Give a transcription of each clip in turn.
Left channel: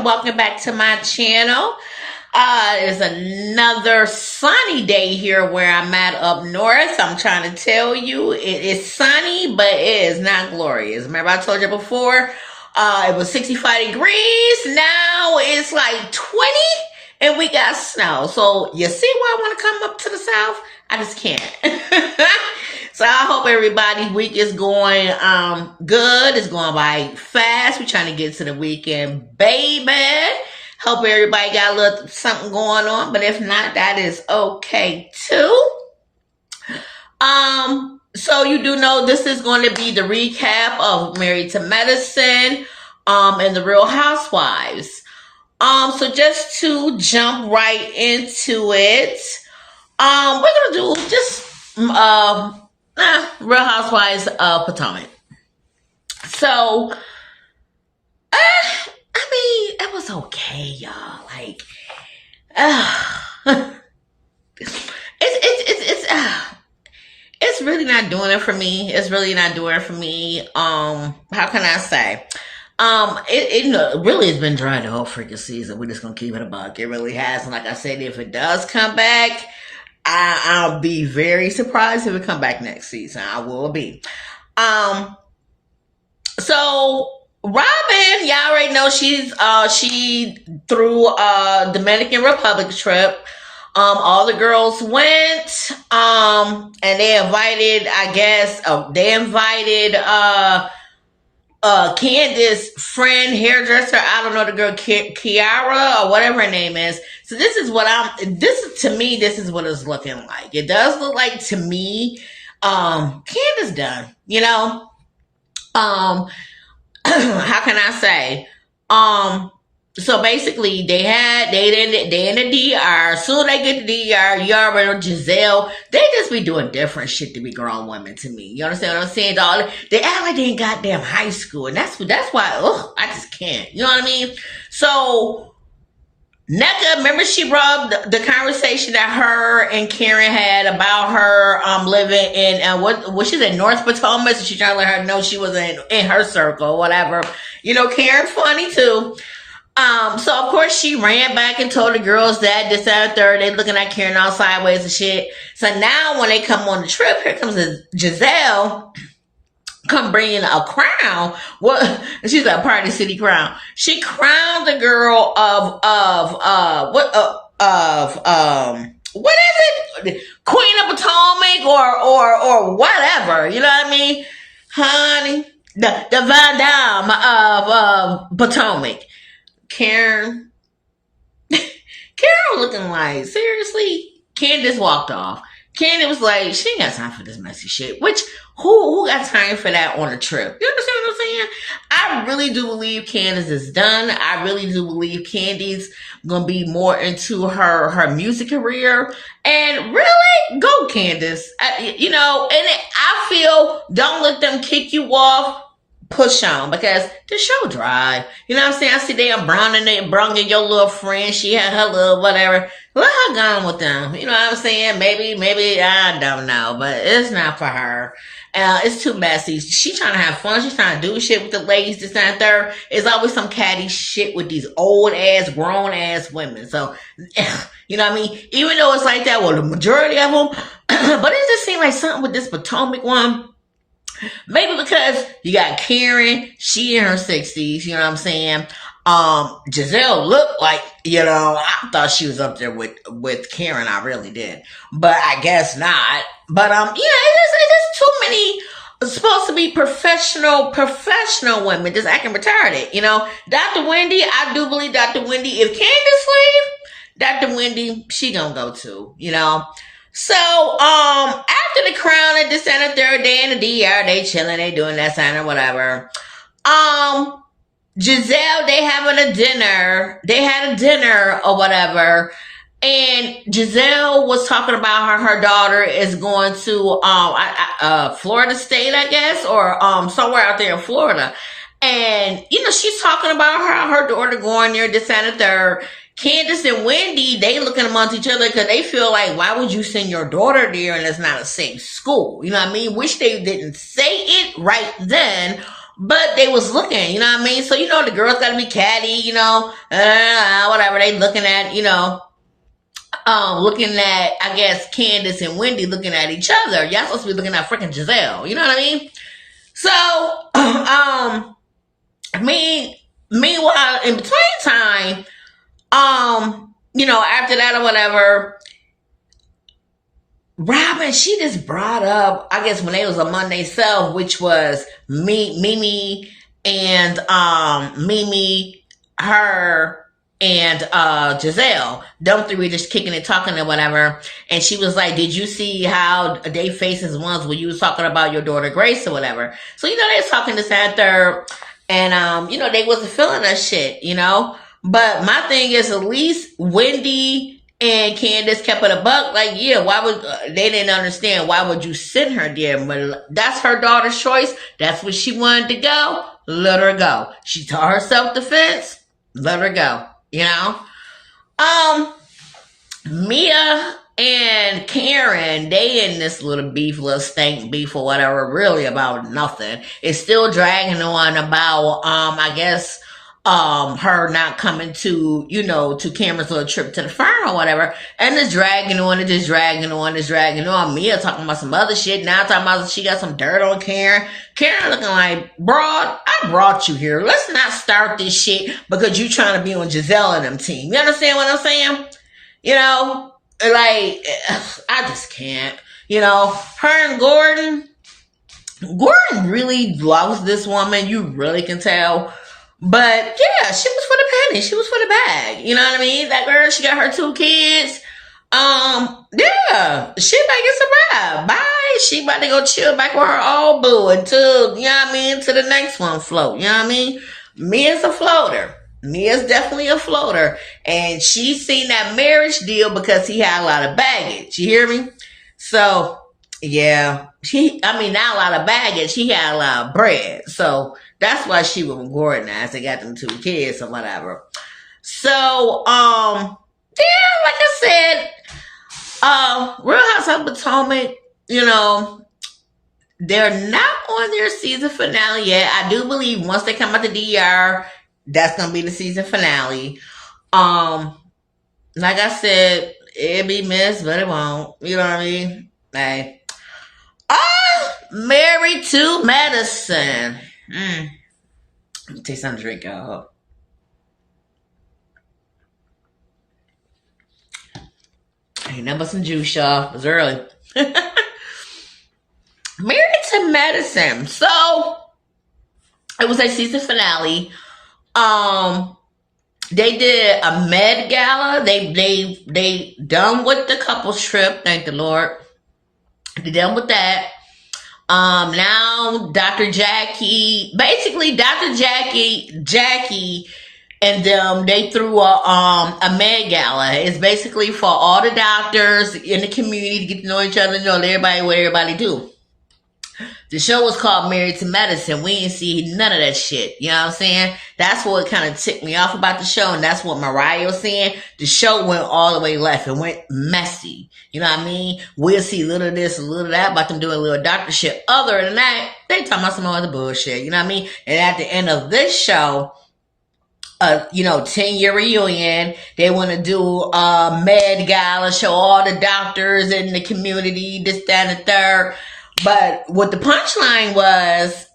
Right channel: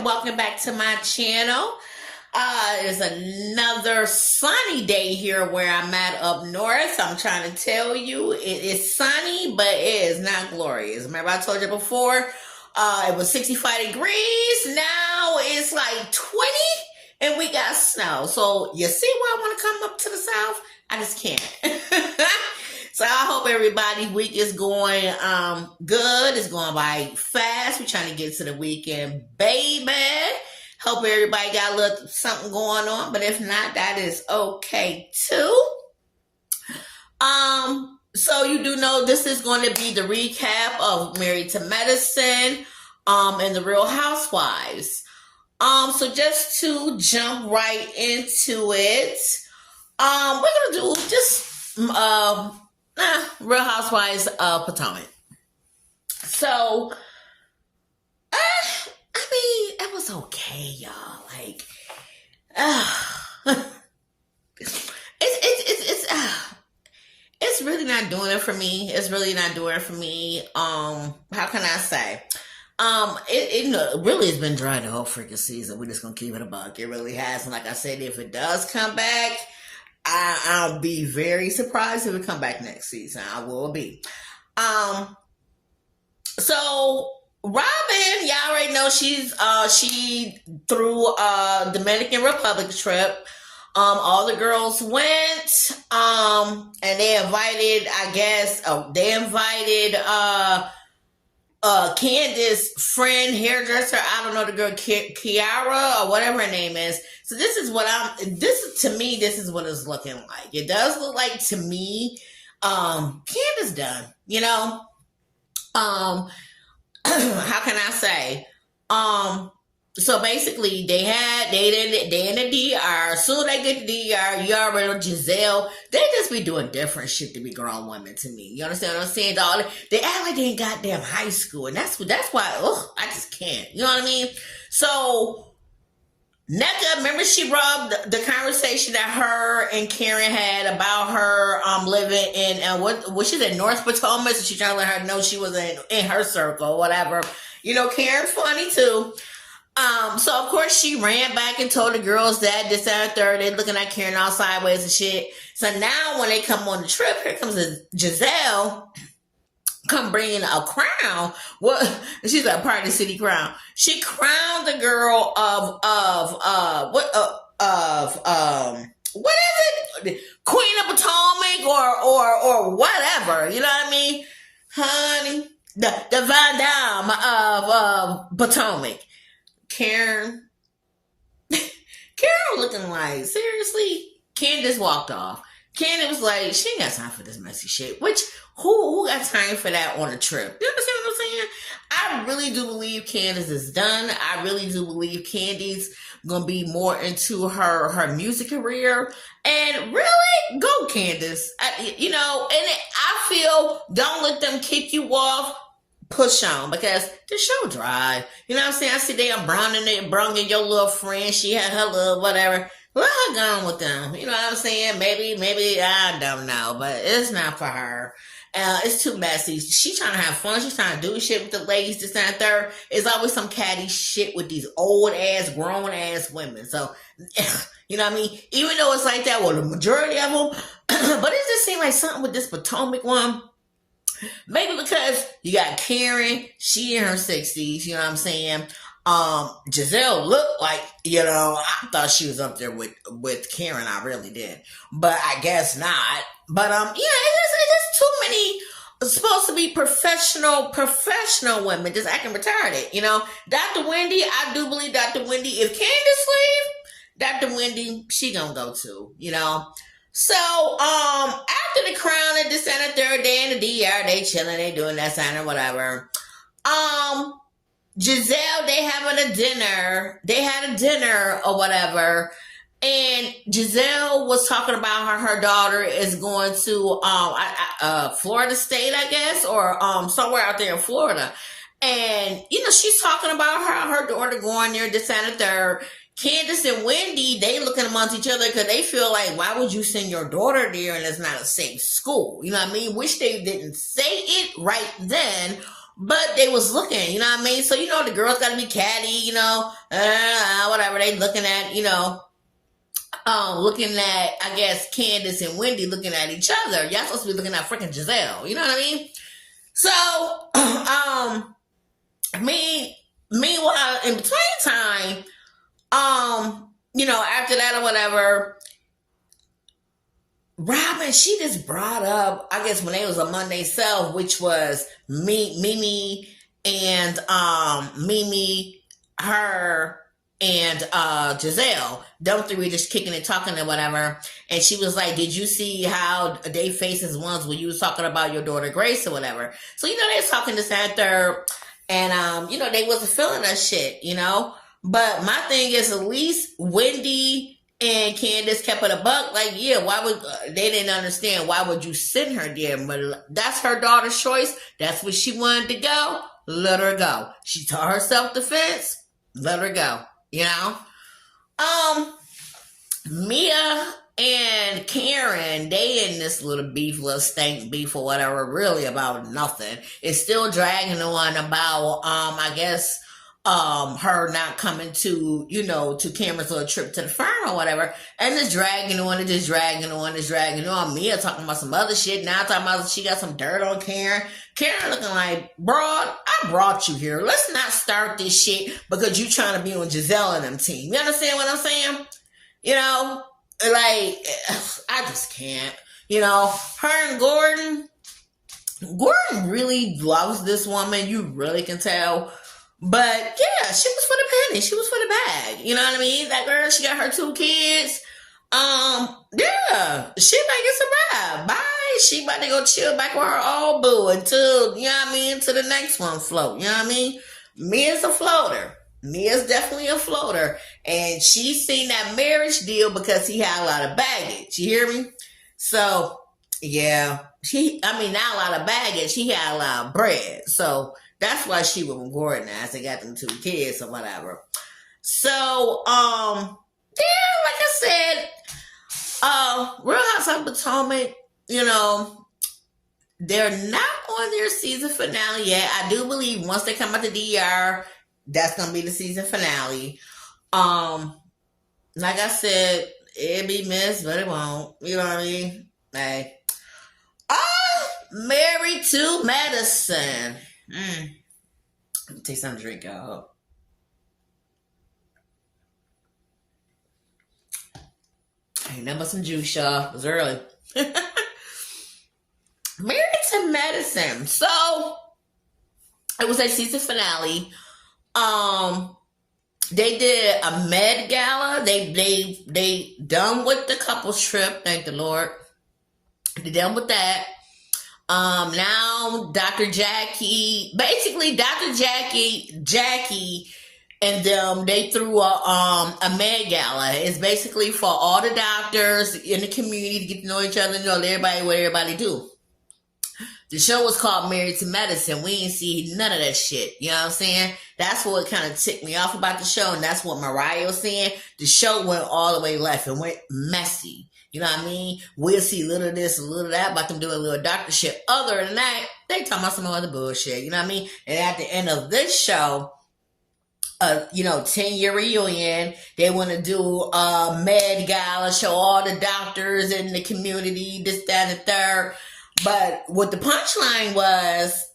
and welcome back to my channel. It's another sunny day here where I'm at up north. I'm trying to tell you, it is sunny, but it is not glorious. Remember I told you before, it was 65 degrees. Now it's like 20 and we got snow. So you see why I want to come up to the south? I just can't. So I hope everybody's week is going good. It's going by fast. We're trying to get to the weekend, baby. Hope everybody got a little something going on, but if not, that is okay too. So you do know this is going to be the recap of Married to Medicine and the Real Housewives. So just to jump right into it, we're gonna do just Real Housewives of Potomac. So, I mean, it was okay, y'all. Like, it's really not doing it for me. It's really not doing it for me. How can I say? It really has been dry the whole freaking season. We're just gonna keep it a buck. It really has. And like I said, if it does come back, I'll be very surprised if it come back next season. I will be. So Robin, y'all already know she threw a Dominican Republic trip. All the girls went, and they invited, Candace's friend, hairdresser. I don't know the girl, Kiara or whatever her name is. So this is what this is what it's looking like. It does look like to me, Candace done, you know. How can I say? So basically they in the DR. Soon they get to the DR, you already know Giselle. They just be doing different shit to be grown women to me. You understand what I'm saying? They act like they in goddamn high school. And that's why, I just can't. You know what I mean? So Nneka, remember she brought up the conversation that her and Karen had about her living in what she's in North Potomac, so she tried to let her know she was in her circle, whatever. You know, Karen's funny too. So of course she ran back and told the girls that this, that, and third, they looking at Karen all sideways and shit. So now when they come on the trip, here comes Giselle, come bringing a crown. What? She's a Party City crown. She crowned the girl what is it? Queen of Potomac or whatever. You know what I mean? Honey, the Van Damme of Potomac. Karen looking like, seriously? Candace walked off. Candace was like, she ain't got time for this messy shit. Which, who got time for that on a trip? You understand what I'm saying? I really do believe Candace is done. I really do believe Candy's gonna be more into her music career. And really, go Candace. I feel, don't let them kick you off. Push on, because the show dry. You know what I'm saying? I see they are browning your little friend. She had her little whatever. Let her go on with them. You know what I'm saying? Maybe, I don't know, but it's not for her. It's too messy. She trying to have fun. She's trying to do shit with the ladies, this and that. There's always some catty shit with these old ass, grown ass women. So, you know what I mean? Even though it's like that, well, the majority of them, but it just seemed like something with this Potomac one. Maybe because you got Karen, she in her 60s, you know what I'm saying? Giselle looked like, I thought she was up there with Karen, I really did. But I guess not. But it's just too many supposed to be professional women just acting retarded, you know? Dr. Wendy, I do believe Dr. Wendy, if Candace leave, Dr. Wendy, she gonna go too, you know? So, after the crown and this and the third day in the DR, they chilling, they doing that sign or whatever. Giselle, they having a dinner. They had a dinner or whatever. And Giselle was talking about how her daughter is going to, Florida State, I guess, or, somewhere out there in Florida. And, she's talking about her daughter going there, this and the third. Candace and Wendy, they looking amongst each other because they feel like, why would you send your daughter there and it's not a safe school? You know what I mean? Wish they didn't say it right then, But they was looking, you know what I mean? So, the girls gotta be catty, whatever. They looking at, looking at, I guess, Candace and Wendy looking at each other. Y'all supposed to be looking at freaking Giselle, you know what I mean? So, meanwhile, in between time, after that or whatever, Robin, she just brought up, I guess, when they was among themselves, which was Mimi and Mimi, her, and Giselle. Them three just kicking and talking or whatever. And she was like, did you see how they faces was when you was talking about your daughter Grace or whatever? So, they was talking this and third. And, they wasn't feeling that shit, But my thing is, at least Wendy and Candace kept it a buck. Like, yeah, why would they didn't understand why would you send her there? But that's her daughter's choice. That's what she wanted to go. Let her go. She taught her self-defense. Let her go. Mia and Karen, they in this little stank beef or whatever, really about nothing. It's still dragging on about, I guess, her not coming to, to Cameron's little trip to the farm or whatever. And it's dragging on, it's dragging on. Mia talking about some other shit. Now talking about she got some dirt on Karen. Karen looking like, broad, I brought you here. Let's not start this shit because you trying to be on Giselle and them team. You understand what I'm saying? Like, I just can't. Her and Gordon really loves this woman. You really can tell. But yeah, she was for the penny. She was for the bag. You know what I mean? That girl, she got her 2 kids. Yeah, she about to get some ride. Bye. She about to go chill back with her old boo until, till the next one float. You know what I mean? Mia's a floater. Mia's definitely a floater. And she seen that marriage deal because he had a lot of baggage. You hear me? So, yeah. Not a lot of baggage. He had a lot of bread. So, that's why she was with Gordon as they got them 2 kids or whatever. So, yeah, like I said, Real Housewives of Potomac, they're not on their season finale yet. I do believe once they come out the DR, that's gonna be the season finale. Like I said, it'll be missed, but it won't. You know what I mean? Hey. Married to Medicine. Let me take some drink, y'all. Ain't nothing but some juice, y'all. It was early. Married to Medicine. So, it was a season finale. They did a Med Gala. They done with the couples trip. Thank the Lord. They done with that. Now Dr. Jackie and them, they threw a Med Gala. It's basically for all the doctors in the community to get to know each other, know everybody, what everybody do. The show was called Married to Medicine. We didn't see none of that shit. You know what I'm saying? That's what kind of ticked me off about the show, and that's what Mariah was saying. The show went all the way left. It went messy. You know what I mean? We'll see a little of this, a little of that, about them doing a little doctor shit. Other than that, they talking about some other bullshit. You know what I mean? And at the end of this show, 10-year reunion. They want to do a Med Gala, show all the doctors in the community, this, that, and the third. But what the punchline was,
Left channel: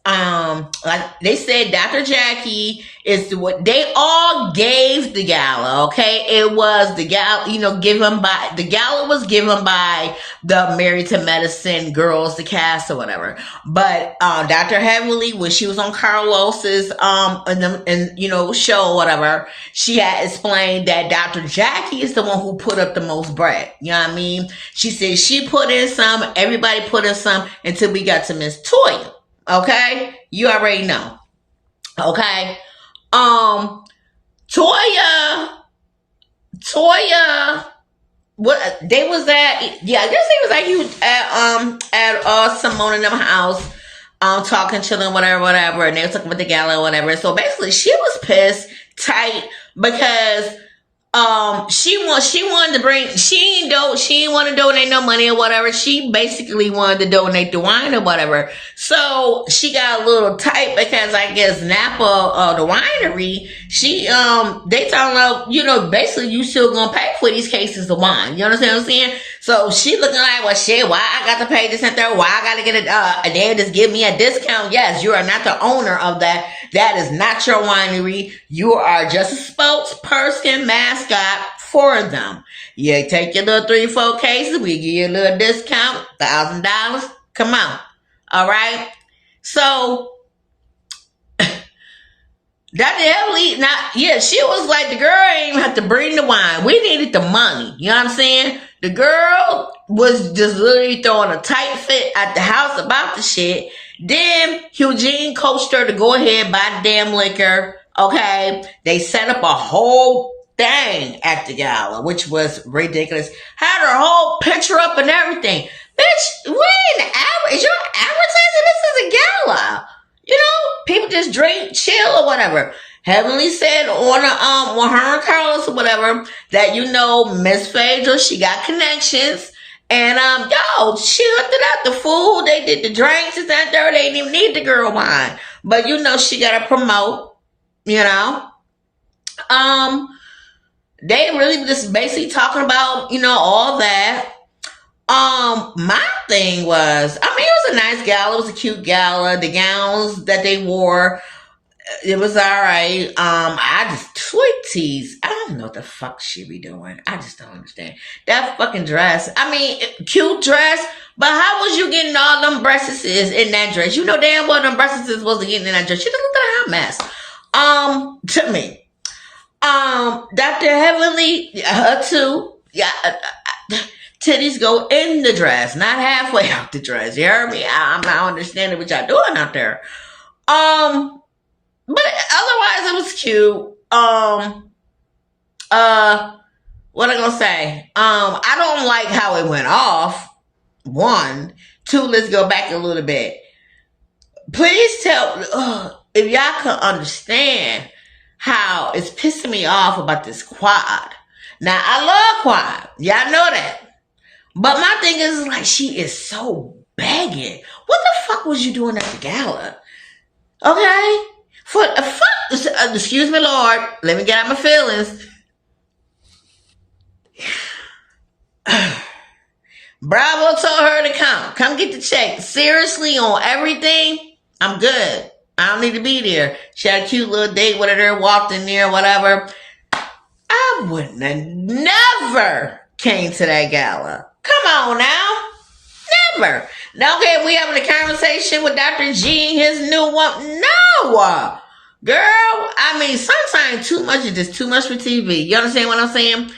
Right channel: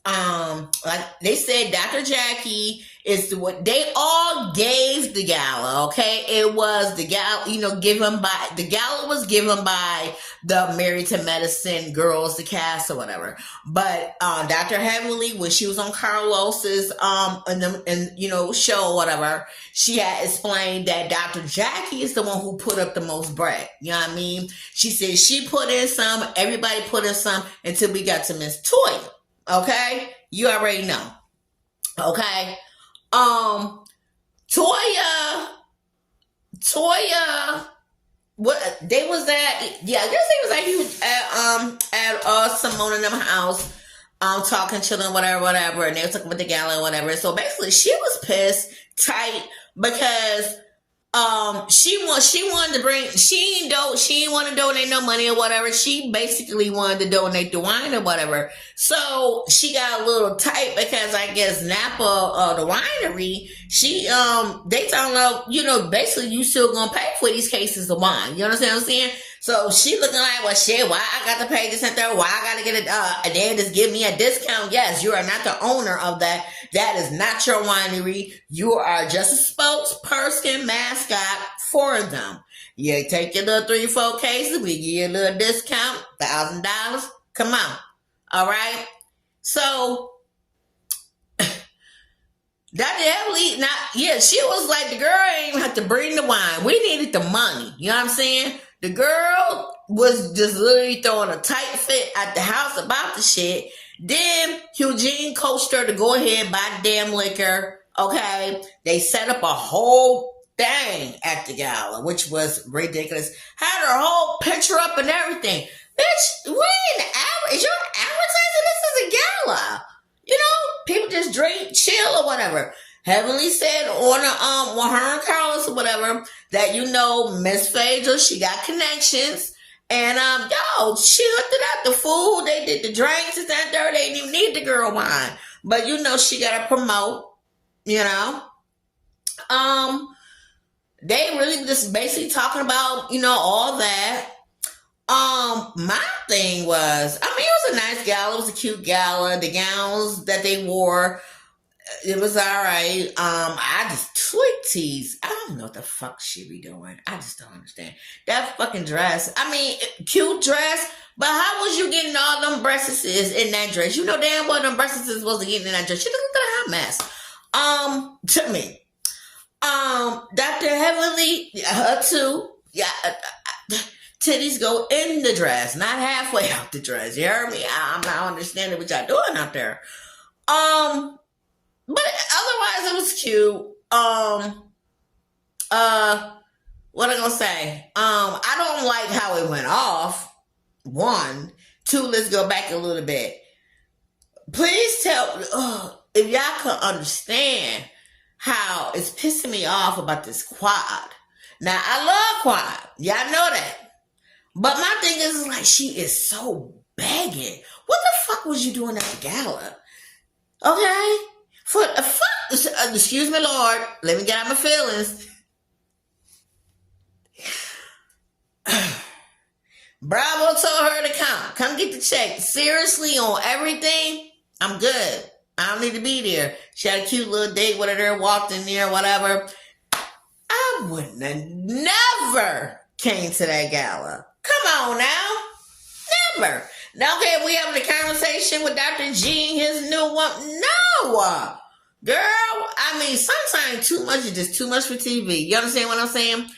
like they said, Dr. Jackie is what they all gave the gala. Okay, it was the gala, the gala was given by the Married to Medicine girls, the cast or whatever. But Dr. Heavenly, when she was on Carlos's show or whatever, she had explained that Dr. Jackie is the one who put up the most bread. You know what I mean? She said she put in some, everybody put in some until we got to Miss Toya. Okay, you already know. Okay, Toya, what they was at? Yeah, I guess he was like he was at Simone and them house, talking to them, whatever, and they were talking about the gala or whatever. So basically, she was pissed tight because She wanted to bring, she didn't want to donate no money or whatever. She basically wanted to donate the wine or whatever. So she got a little tight because I guess Napa, the winery, they telling her, basically you still gonna pay for these cases of wine. You understand what I'm saying? So she looking like, well, shit, why I got to pay this and that? Why I got to get it? They just give me a discount. Yes, you are not the owner of that. That is not your winery. You are just a spokesperson, mascot for them. You take your little 3-4 cases. We give you a little discount, $1,000. Come on. All right. So she was like, the girl ain't even have to bring the wine. We needed the money. You know what I'm saying? The girl was just literally throwing a tight fit at the house about the shit. Then Eugene coached her to go ahead, buy the damn liquor. Okay. They set up a whole thing at the gala, which was ridiculous. Had her whole picture up and everything. Bitch, is your advertising? This is a gala. People just drink, chill, or whatever. Heavenly said on her and Carlos or whatever that Miss Phaedra, she got connections, and she hooked it up. The food, they did the drinks and that there. They didn't even need the girl wine, but she got to promote. They really just basically talking about all that. My thing was, it was a nice gala. It was a cute gala. The gowns that they wore, it was all right. I just tease. I don't know what the fuck she be doing. I just don't understand that fucking dress. Cute dress, but how was you getting all them breasts in that dress? You know damn well them breasts wasn't getting in that dress. She looked like a hot mess. To me, Dr. Heavenly, her too. Yeah. Titties go in the dress, not halfway out the dress. You heard me? I'm not understanding what y'all doing out there. But otherwise it was cute. What I gonna say? I don't like how it went off. 1, 2, let's go back a little bit. Please tell if y'all can understand how it's pissing me off about this quad. Now I love quad. Y'all know that. But my thing is like, she is so begging. What the fuck was you doing at the gala? Okay? Excuse me, Lord. Let me get out my feelings. Bravo told her to come. Come get the check. Seriously, on everything, I'm good. I don't need to be there. She had a cute little date with her, walked in there, whatever. I wouldn't have never came to that gala. Come on now. Never. Now, okay, we having a conversation with Dr. G and his new one. No. Girl, sometimes too much is just too much for TV. You understand what I'm saying?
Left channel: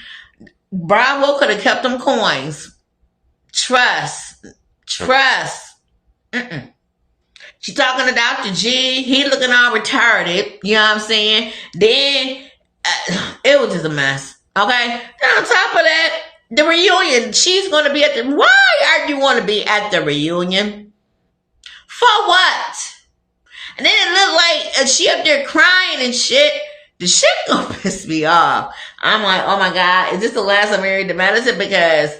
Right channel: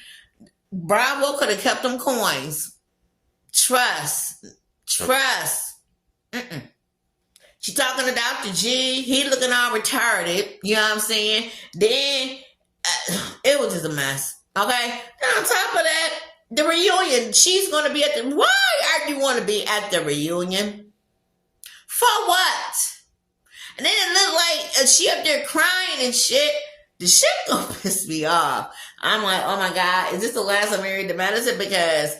Bravo could have kept them coins. Trust. She talking to Dr. G. He looking all retarded. You know what I'm saying? Then, it was just a mess. Okay? Then on top of that, the reunion, she's going to be why are you going to be at the reunion? For what? And then it looked like she up there crying and shit. The shit gonna piss me off. I'm like, oh my God, is this the last I'm married to Madison? Because,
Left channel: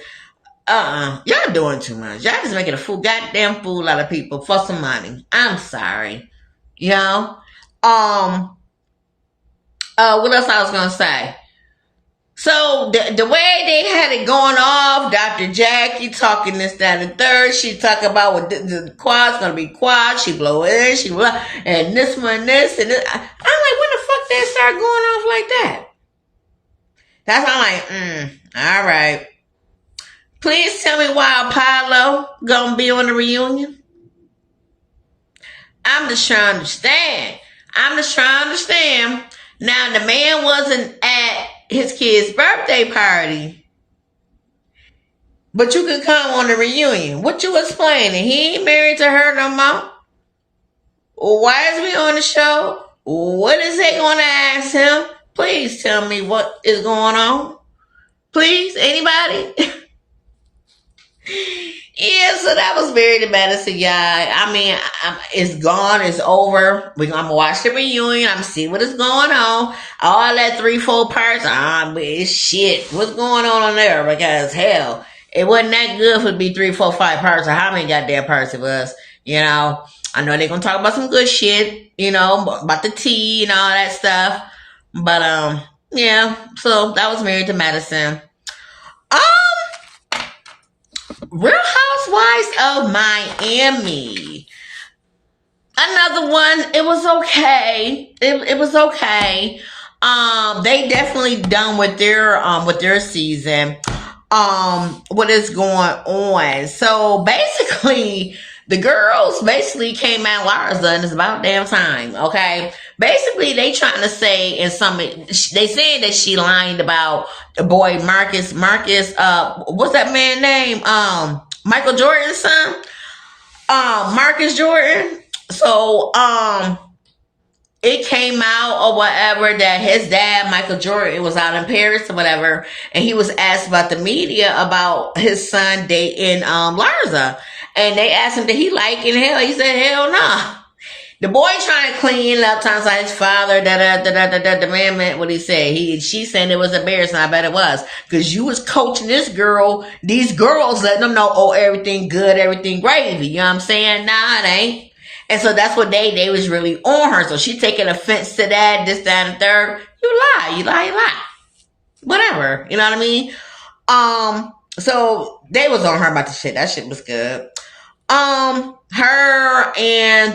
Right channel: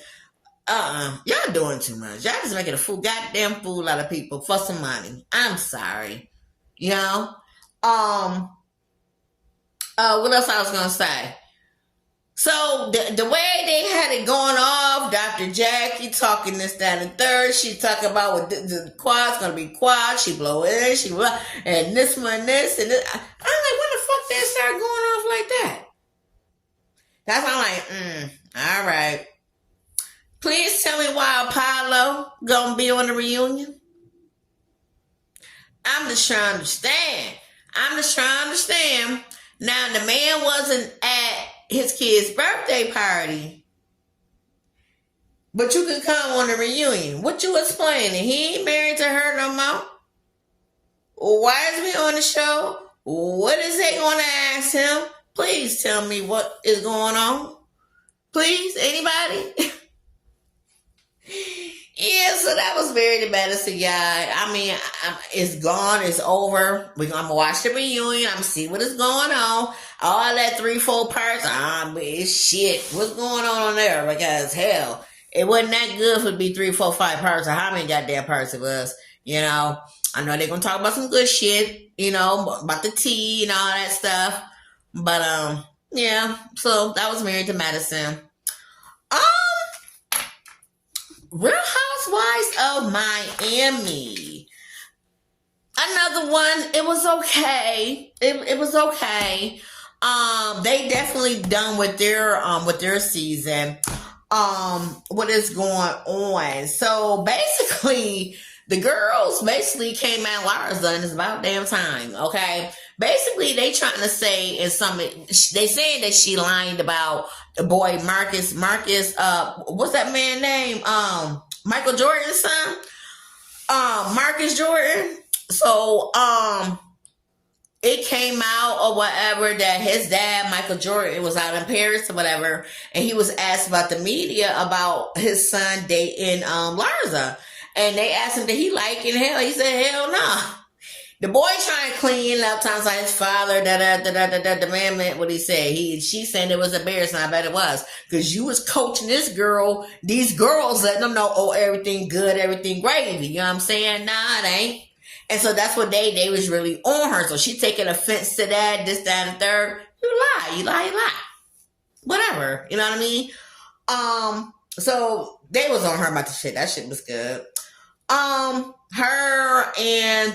y'all doing too much. Y'all just making a goddamn fool out of people for some money. I'm sorry. What else I was going to say? So the way they had it going off, Dr. Jackie talking this, that, and third. She talking about what the quad's gonna be quad. She blow in, she blow, and this one, this, and this. I'm like, when the fuck they start going off like that? That's why I'm like, all right. Please tell me why Apollo gonna be on the reunion. I'm just trying to understand. Now the man wasn't at his kid's birthday party, but you can come on the reunion. What you explaining? He ain't married to her no more. Why is we on the show? What is they gonna ask him? Please tell me what is going on. Please, anybody? Yeah, so that was Married to Medicine, y'all. I mean, it's gone. It's over. We're going to watch the reunion. I'm going to see what is going on. All that 3-4 parts, it's shit. What's going on there? Because, hell, it wasn't that good for it to be 3, 4, 5 parts or how many goddamn parts it was. You know, I know they're going to talk about some good shit, you know, about the tea and all that stuff. But, yeah, so that was Married to Medicine. Um, Real Housewives of Miami. Another one. It was okay. It was okay. They definitely done with their season. What is going on? So basically, the girls basically came out Larsa, and it's about damn time. Okay. Basically, they trying to say they saying that she lied about the boy Marcus, what's that man name? Michael Jordan's son? Marcus Jordan. So, it came out or whatever that his dad, Michael Jordan, was out in Paris or whatever, and he was asked about the media about his son dating, Larsa. And they asked him, did he like it in hell? He said, hell no. Nah. The boy trying to clean up, times like his father, the man meant what he said. She said it was embarrassing. I bet it was. Because you was coaching these girls, letting them know, oh, everything good, everything gravy. You know what I'm saying? Nah, it ain't. And so that's what they was really on her. So she taking offense to that, this, that, and third. You lie. Whatever. You know what I mean? So they was on her about the shit. That shit was good. Her and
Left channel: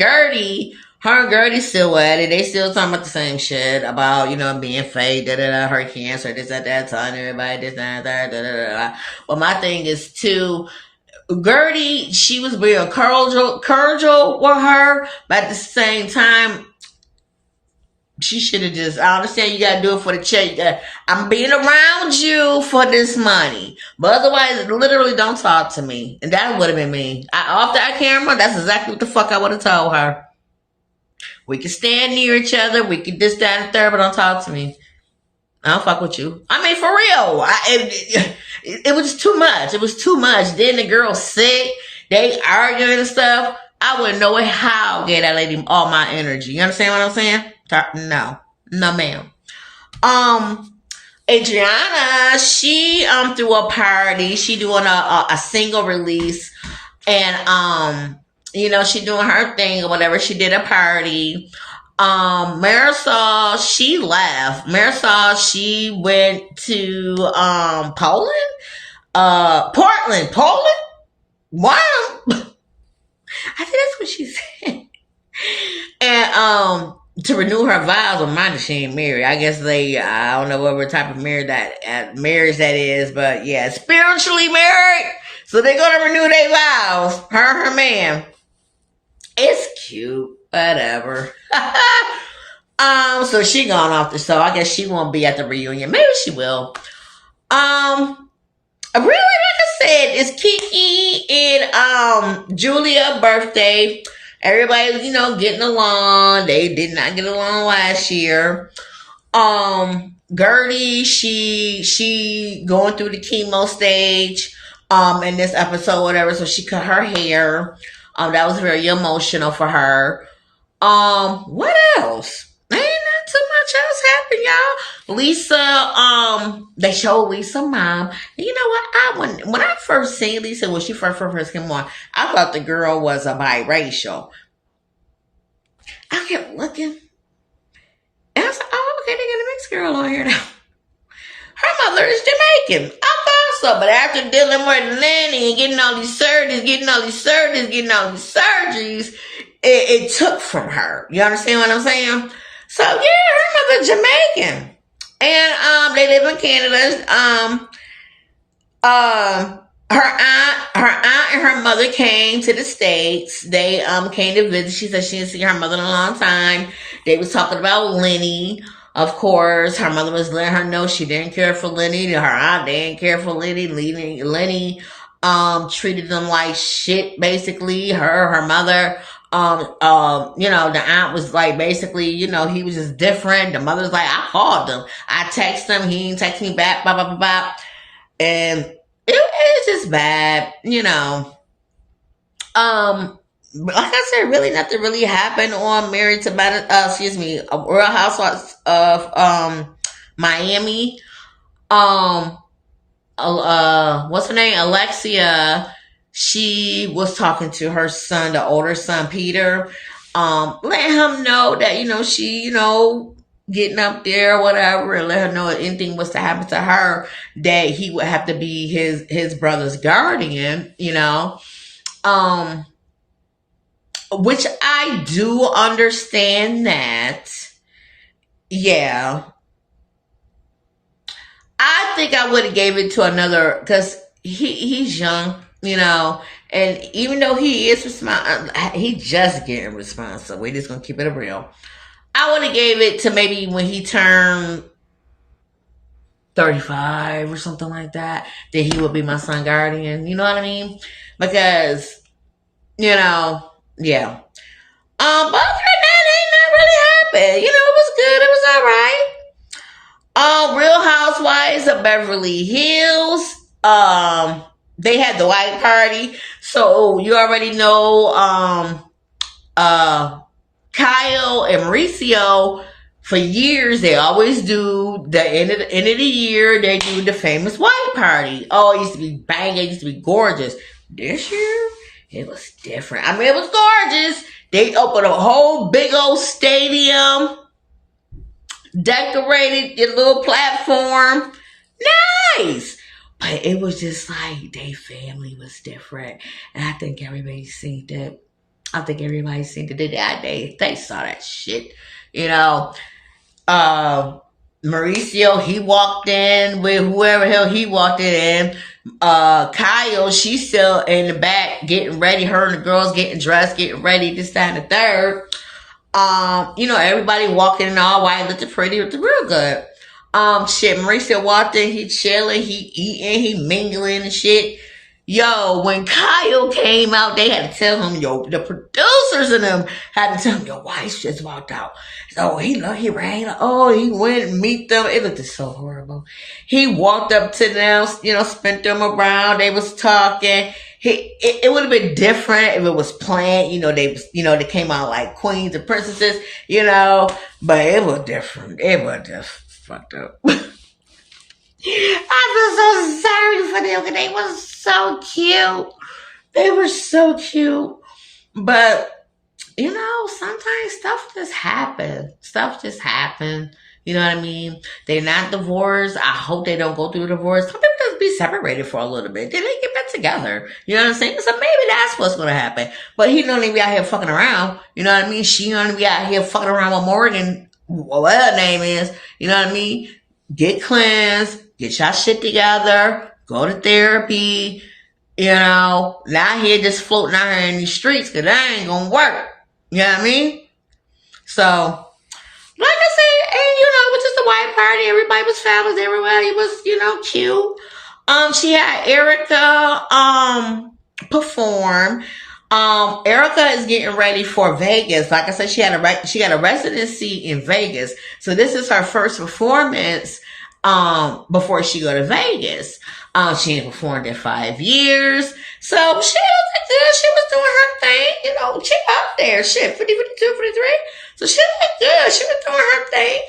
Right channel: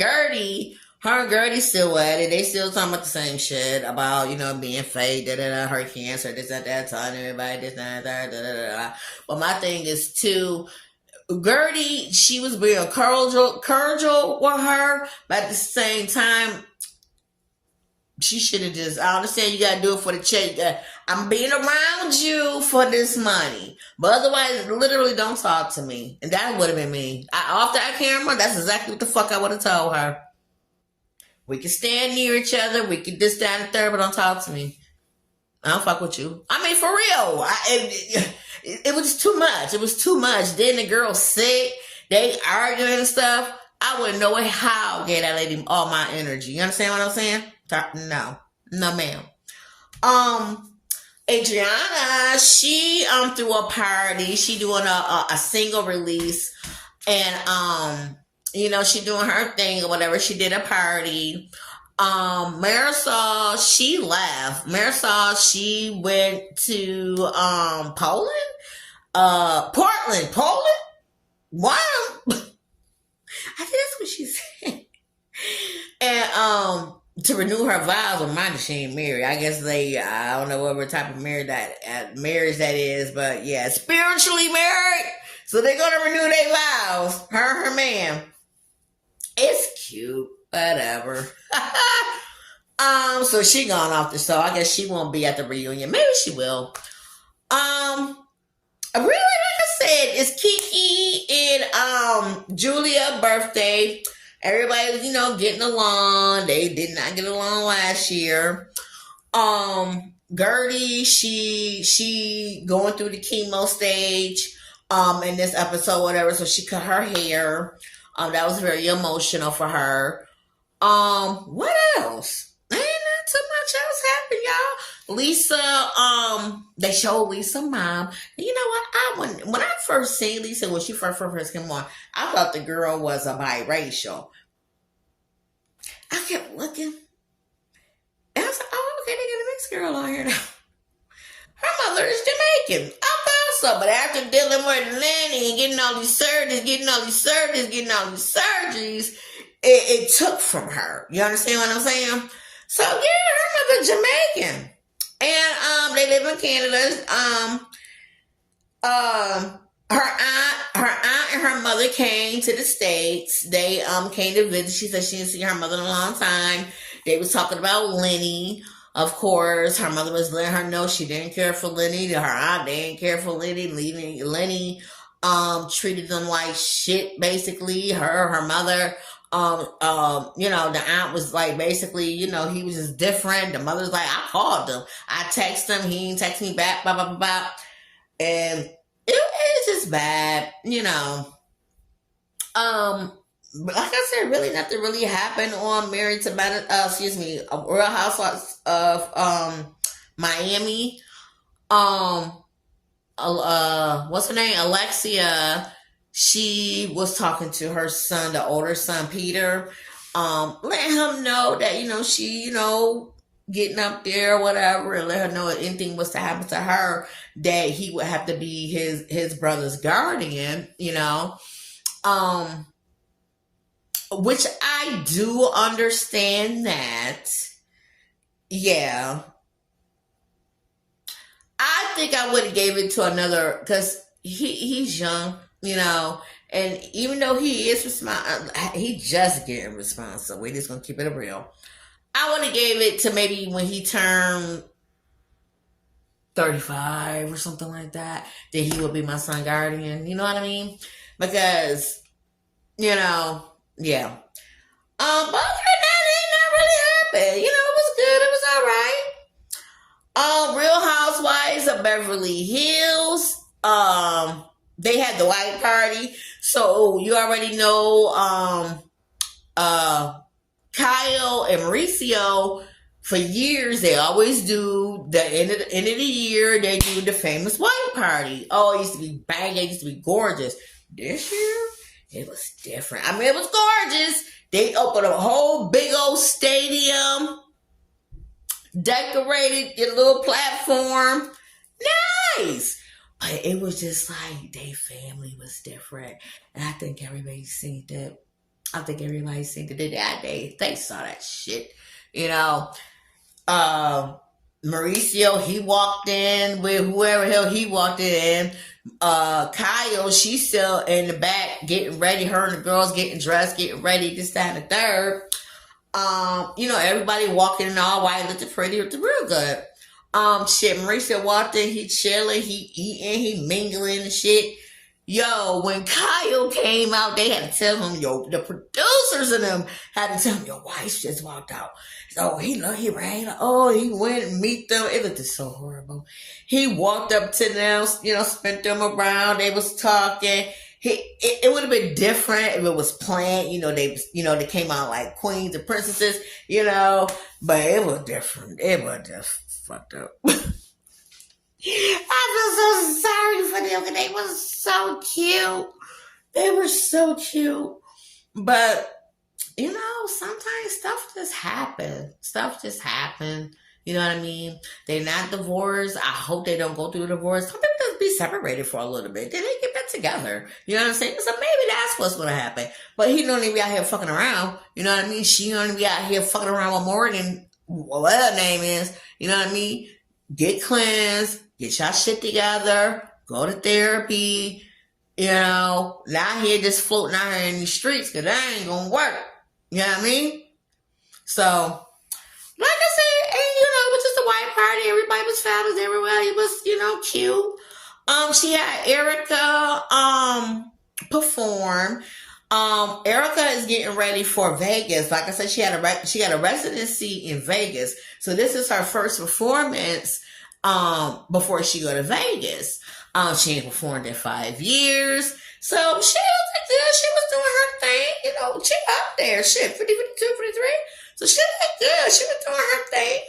Gertie still at it. They still talking about the same shit about, you know, being fake, her cancer, this, that, telling everybody this, that. But my thing is too, Gertie, she was being cordial with her, but at the same time, she should have just, I understand you gotta do it for the check. I'm being around you for this money. But otherwise, literally don't talk to me. And that would have been me. Off that camera, that's exactly what the fuck I would have told her. We could stand near each other. We could this, that, and third, but don't talk to me. I don't fuck with you. I mean, for real. It was too much. It was too much. Then the girl sick. They arguing and stuff. I wouldn't know how to get that lady all my energy. You understand what I'm saying? No, ma'am. Adriana, she threw a party. She doing a single release, and you know, she doing her thing or whatever. She did a party. Marisol, she left. Marisol, she went to Poland, Portland. Wow. I think that's what she said. And to renew her vows, or mine, she ain't married. I guess I don't know what type of marriage that is, but yeah, spiritually married. So they're gonna renew their vows. Her and her man. It's cute. Whatever. So she gone off the show. I guess she won't be at the reunion. Maybe she will. Really, like I said, it's Kiki and Julia's birthday. Everybody was, you know, getting along. They did not get along last year. Gertie, she going through the chemo stage in this episode, whatever, so she cut her hair. That was very emotional for her. What else? Ain't not too much else happened, y'all. Lisa, they showed Lisa mom. And you know what? When I first seen Lisa, when she first came on, I thought the girl was a biracial. I kept looking. And I was like, oh, okay, they got a mixed girl on here now. Her mother is Jamaican. I thought so. But after dealing with Lenny and getting all these surgeries, it took from her. You understand what I'm saying? So yeah, her mother Jamaican. And they live in Canada. Her aunt and her mother came to the States. They came to visit. She said she didn't see her mother in a long time. They was talking about Lenny. Of course, her mother was letting her know she didn't care for Lenny. Her aunt didn't care for Lenny. Lenny treated them like shit, basically. Her mother, you know, the aunt was like, basically, you know, he was just different. The mother's like, I called him. I texted him. He didn't text me back, blah, blah, blah, blah. And it's just bad, like I said, really nothing really happened on Married to Real Housewives of Miami. Um, what's her name? Alexia. She was talking to her son, the older son, Peter, letting him know that, she, getting up there, whatever, and let her know if anything was to happen to her, that he would have to be his brother's guardian, which I do understand that. Yeah. I think I would have gave it to another, because he's young, and even though he is he just getting responsible. We're just gonna keep it real. I would have gave it to maybe when he turned 35 or something like that. That he would be my son guardian. You know what I mean? Because, yeah. But other than that, ain't nothing really happened. It was good. It was all right. Real Housewives of Beverly Hills. They had the white party. So you already know Kyle and Mauricio, for years, they always do the end of the year, they do the famous white party. Oh, it used to be banging, it used to be gorgeous. This year, it was different. I mean, it was gorgeous. They opened a whole big old stadium, decorated your little platform. Nice. But it was just like, their family was different. And I think everybody seen that. They saw that shit. Mauricio, he walked in with whoever hell he walked in. Kyle, she's still in the back getting ready. Her and the girls getting dressed, getting ready, this, that, and the third. Everybody walking in all white, looking pretty, looking real good. Mauricio walked in, he chilling, he eating, he mingling and shit. Yo, when Kyle came out, they had to tell him, the producers and them had to tell him, your wife just walked out. So he ran, he went and meet them. It looked so horrible. He walked up to them, spent them around. They was talking. It would have been different if it was planned. They came out like queens and princesses, but it was different. It was just fucked up. I feel so sorry for them because they were so cute. They were so cute. But, sometimes stuff just happens. You know what I mean? They're not divorced. I hope they don't go through a divorce. Some people just be separated for a little bit. Then they get back together. You know what I'm saying? So maybe that's what's going to happen. But he don't even be out here fucking around. You know what I mean? She don't be out here fucking around with Morgan, whatever her name is. You know what I mean? Get cleansed. Get your shit together. Go to therapy. Not here just floating out here in these streets because that ain't going to work. You know what I mean? So, like I said, and it was just a white party. Everybody was fabulous. Everybody was, cute. She had Erica, perform. Erica is getting ready for Vegas. Like I said, she got a residency in Vegas. So this is her first performance, before she go to Vegas. She ain't performed in 5 years. So she was doing her thing, she up there, shit, 50, 52, 53. So she looked good. She was doing her thing.